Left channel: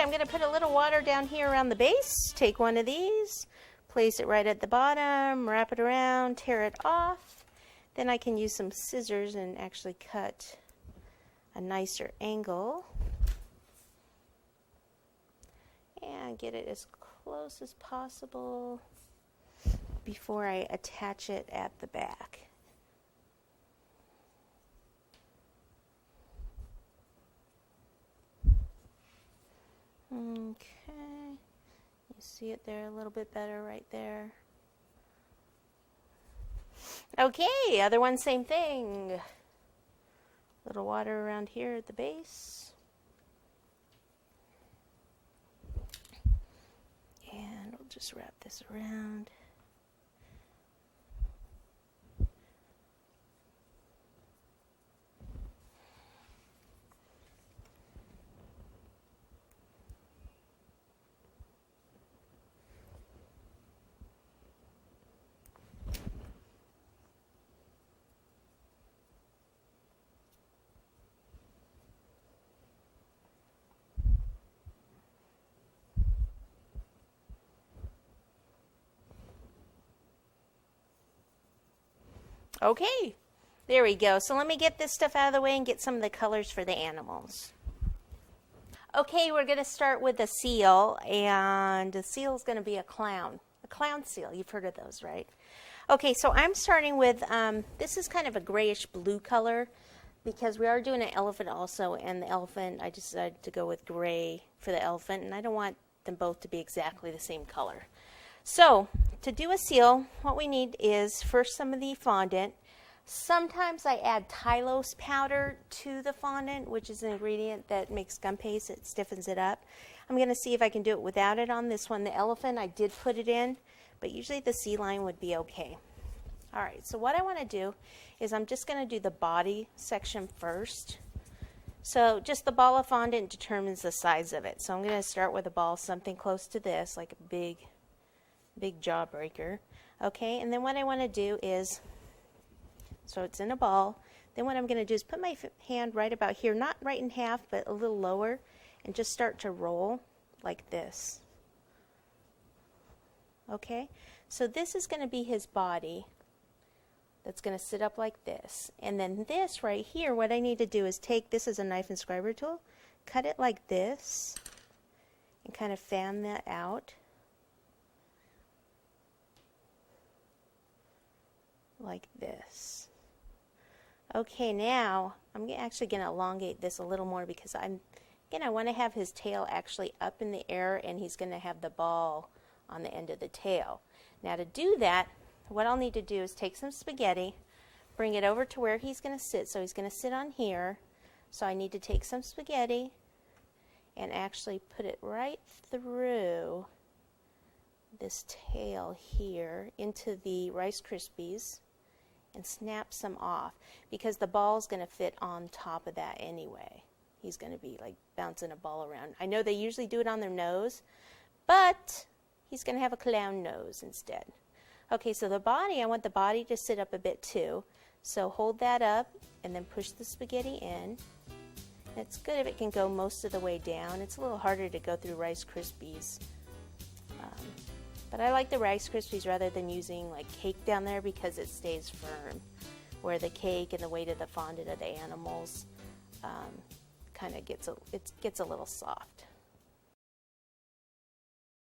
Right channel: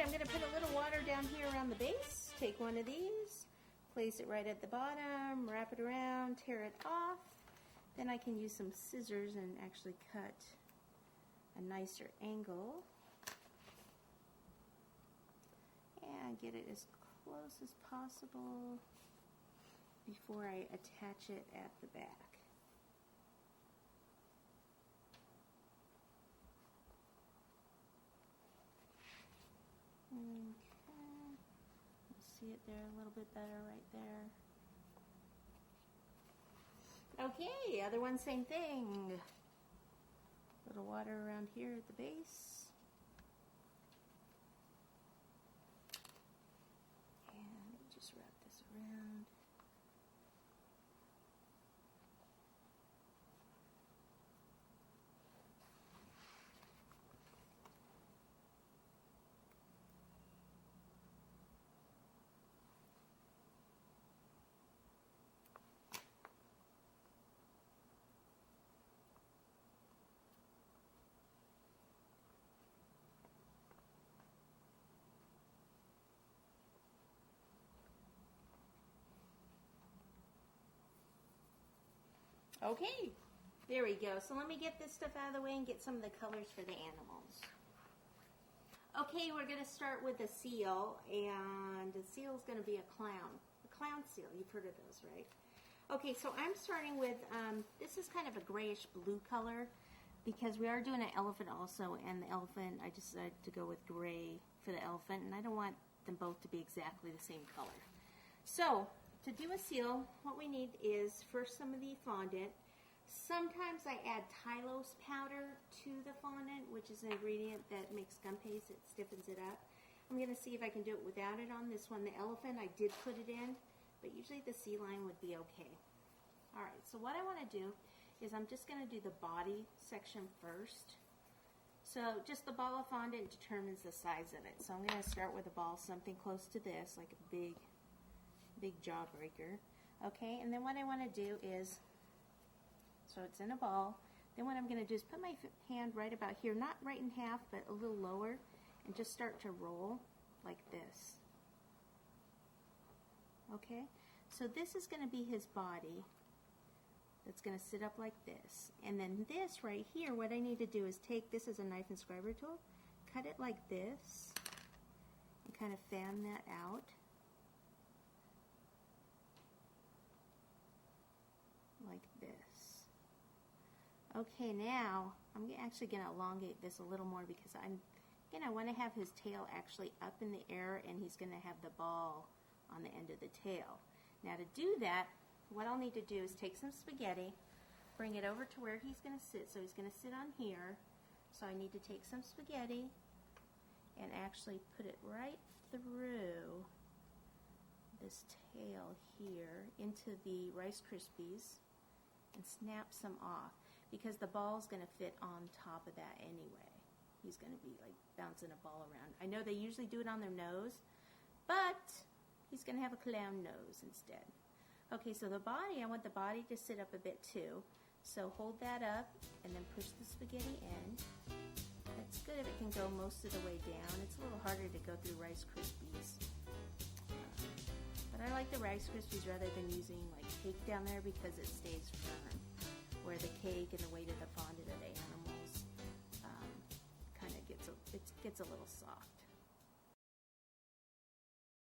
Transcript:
I'm going to put a little water down here around the base. Take one of these, place it right at the bottom, wrap it around, tear it off. Then I can use some scissors and actually cut a nicer angle. And get it as close as possible before I attach it at the back. Okay, you see it there a little bit better right there. Okay, other one, same thing. Little water around here at the base. And we'll just wrap this around. Okay, there we go. So let me get this stuff out of the way and get some of the colors for the animals. Okay, we're going to start with the seal, and the seal is going to be a clown seal. You've heard of those, right? Okay, so I'm starting with, this is kind of a grayish blue color because we are doing an elephant also, and the elephant, I decided to go with gray for the elephant, and I don't want them both to be exactly the same color. So, to do a seal, what we need is first some of the fondant. Sometimes I add Tylose powder to the fondant, which is an ingredient that makes gum paste. It stiffens it up. I'm going to see if I can do it without it on this one. The elephant, I did put it in, but usually the sea lion would be okay. All right, so what I want to do is I'm just going to do the body section first. So just the ball of fondant determines the size of it. So I'm going to start with a ball something close to this, like a big jawbreaker. Okay, and then what I want to do is, so it's in a ball, then what I'm going to do is put my hand right about here, not right in half, but a little lower, and just start to roll like this. Okay, so this is going to be his body that's going to sit up like this. And then this right here, what I need to do is take, this is a knife inscriber tool, cut it like this, and kind of fan that out. Like this. Okay, now I'm actually going to elongate this a little more because I want to have his tail actually up in the air, and he's going to have the ball on the end of the tail. Now to do that, what I'll need to do is take some spaghetti, bring it over to where he's going to sit. So he's going to sit on here. So I need to take some spaghetti and actually put it right through this tail here into the Rice Krispies and snap some off, because the ball is going to fit on top of that anyway. He's going to be like bouncing a ball around. I know they usually do it on their nose, but he's going to have a clown nose instead. Okay, so the body, I want the body to sit up a bit too. So hold that up and then push the spaghetti in. It's good if it can go most of the way down. It's a little harder to go through Rice Krispies. But I like the Rice Krispies rather than using like cake down there because it stays firm, where the cake and the weight of the fondant of the animals kind of gets a little soft.